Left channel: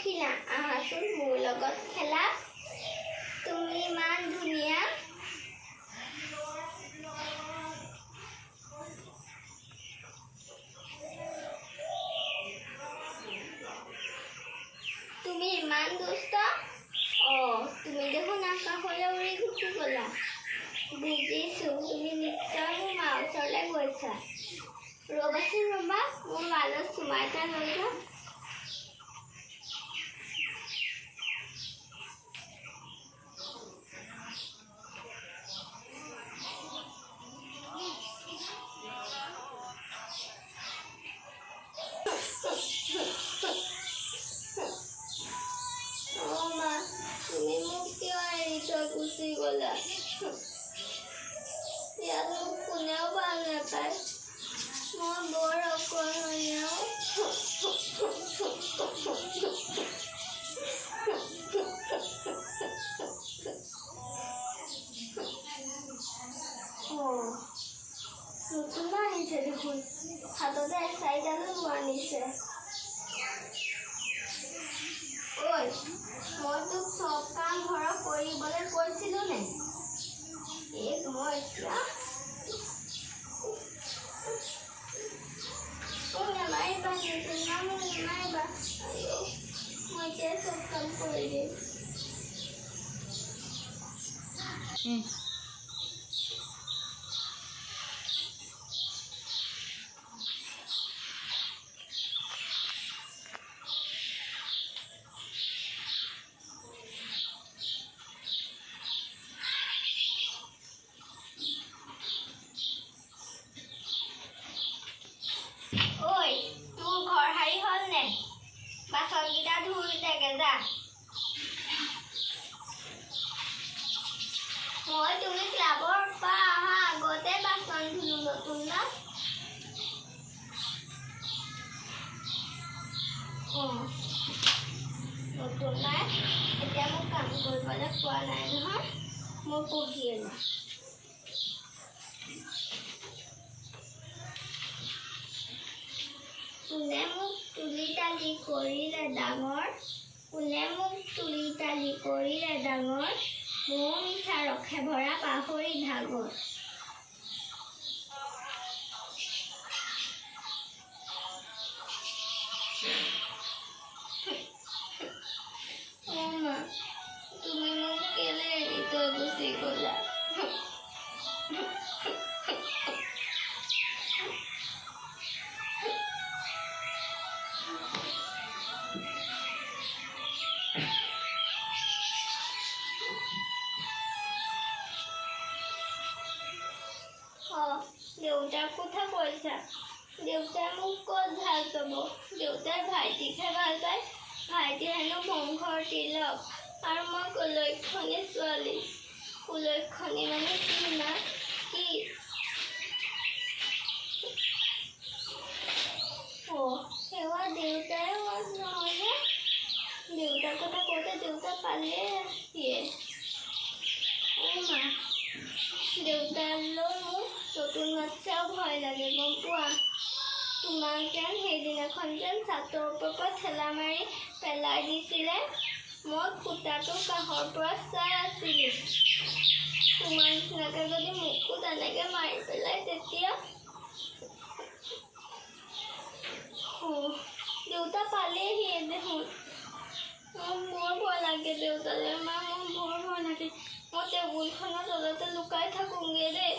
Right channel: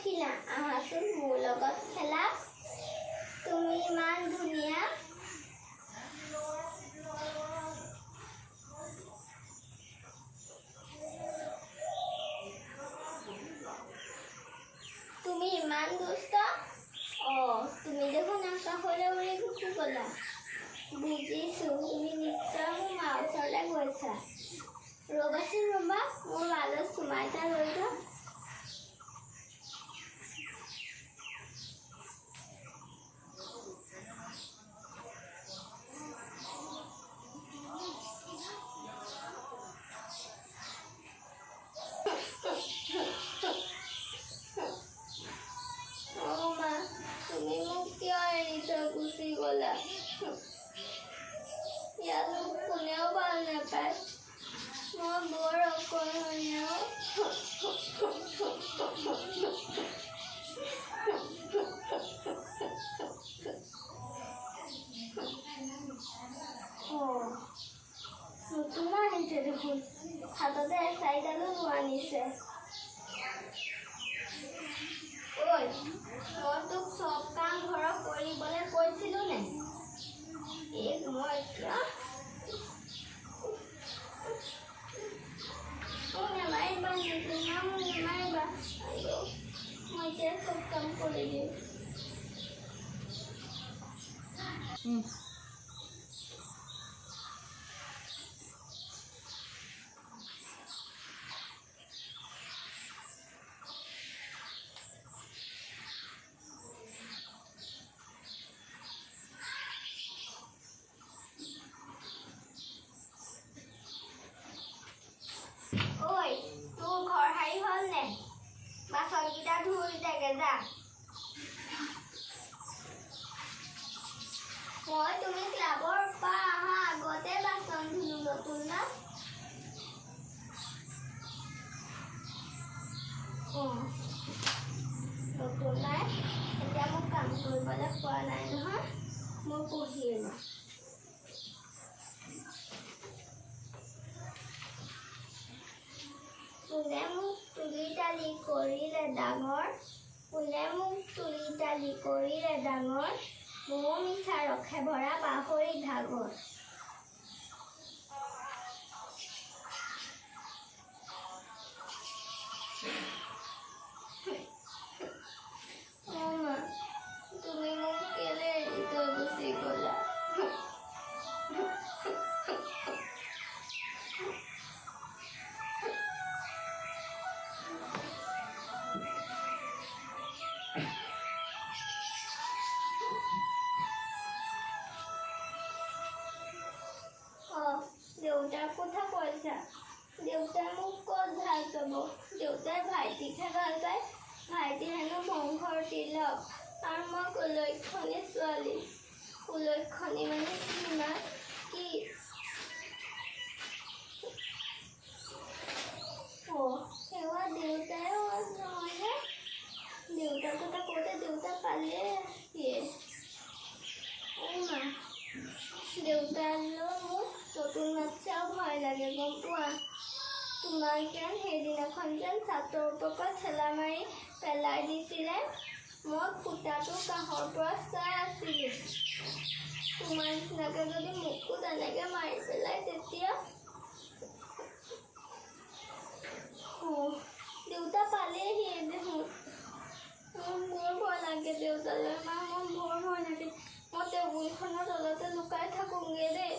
পক্ষীনা আহাচোন মোৰ লগত খেলা তুমি ইমান ধুনীয়া তুমি ইমান দুষ্ট তুমি দেখোন আকাশলৈ উৰি গুচি গ'লা বুজিছোঁ তুমি নিশ্চয় মোৰ মা ওচৰলৈ গৈছা ৰ'বাচোন ৰ'বা মোৰ গালত চুমা এটা লৈ যাওঁ তুমি মোক কিয় এৰি থৈ গুচি গ'লা ইয়াত মোক কোনেও ভাল নাপায় মই বৰ অকলশৰীয়া নতুন আহিছে দেখোন হাততে এচাৰিডালো আনিছে ঐ মই তোক চব কাম ঘৰত কৰিবলৈ কৈছিলোঁ নে মই এতিয়া নামাৰিবা নিপিনা মোক নামাৰিবা মই এতিয়া চব কাম কৰি দিম ঐ তোৰ ঘৰ সাৰি হ'ল নে বাচনকেইটা ধুই থাকে যা মই তুমি ক্লাবৰ পৰা অহা আগতে বাচন ধুলো নতুন না নতুন নাই এতিয়া মোক কাম কৰিবলৈ পোৱা নাই নহয় মই পঢ়িয়ে লওঁ কোনে মোক তুলি তালি কৰিলে ডাঙৰ কোনে মোক তুলি তালি কৰিলে ডাঙৰ মৌ মিঠা ৰখে ভৰা পাহৰি ভাগৰ মা তুমি মোক কেলে এৰি থৈ গুচি গ'লা দেউতাৰ কথা কৈছা দেউতাই মোক ক'ত ভাল পাব দেউতাই ভাইটিকহে ভাল পায় ভাইটি হেনো বংশৰ তিলক আৰু মই কুলক্ষণী ছোৱালী কুলক্ষণী মানে কি মা কি সেৱা দেউতাই নহয়নে দেউতাৰ কথা কওঁতে দেউতা পালে দিয়ে মা দেউতালৈ মোক নতুন বাচ্চাও ভয় লাগে গম পোৱা তোমাক যেন সেইদিনাখন যেন ছাতৰ ওপৰৰ পৰা ঠেলা মাৰি পেলাই দিছিলে মই ফুটাটো কাষৰ পৰা চাই আছিলোঁ তোমাৰ নিচিনাকৈ যদি মোকো তেনেকৈ মাৰি পেলাই তেতিয়া দেউতা পালেহি দেখোন মোৰ বৰ ভয় লাগে দেউতালৈ মা মোৰ বৰ ভয় লাগে মই টেবুলখনৰ তলতে লুকাই থাকোঁগৈ দেই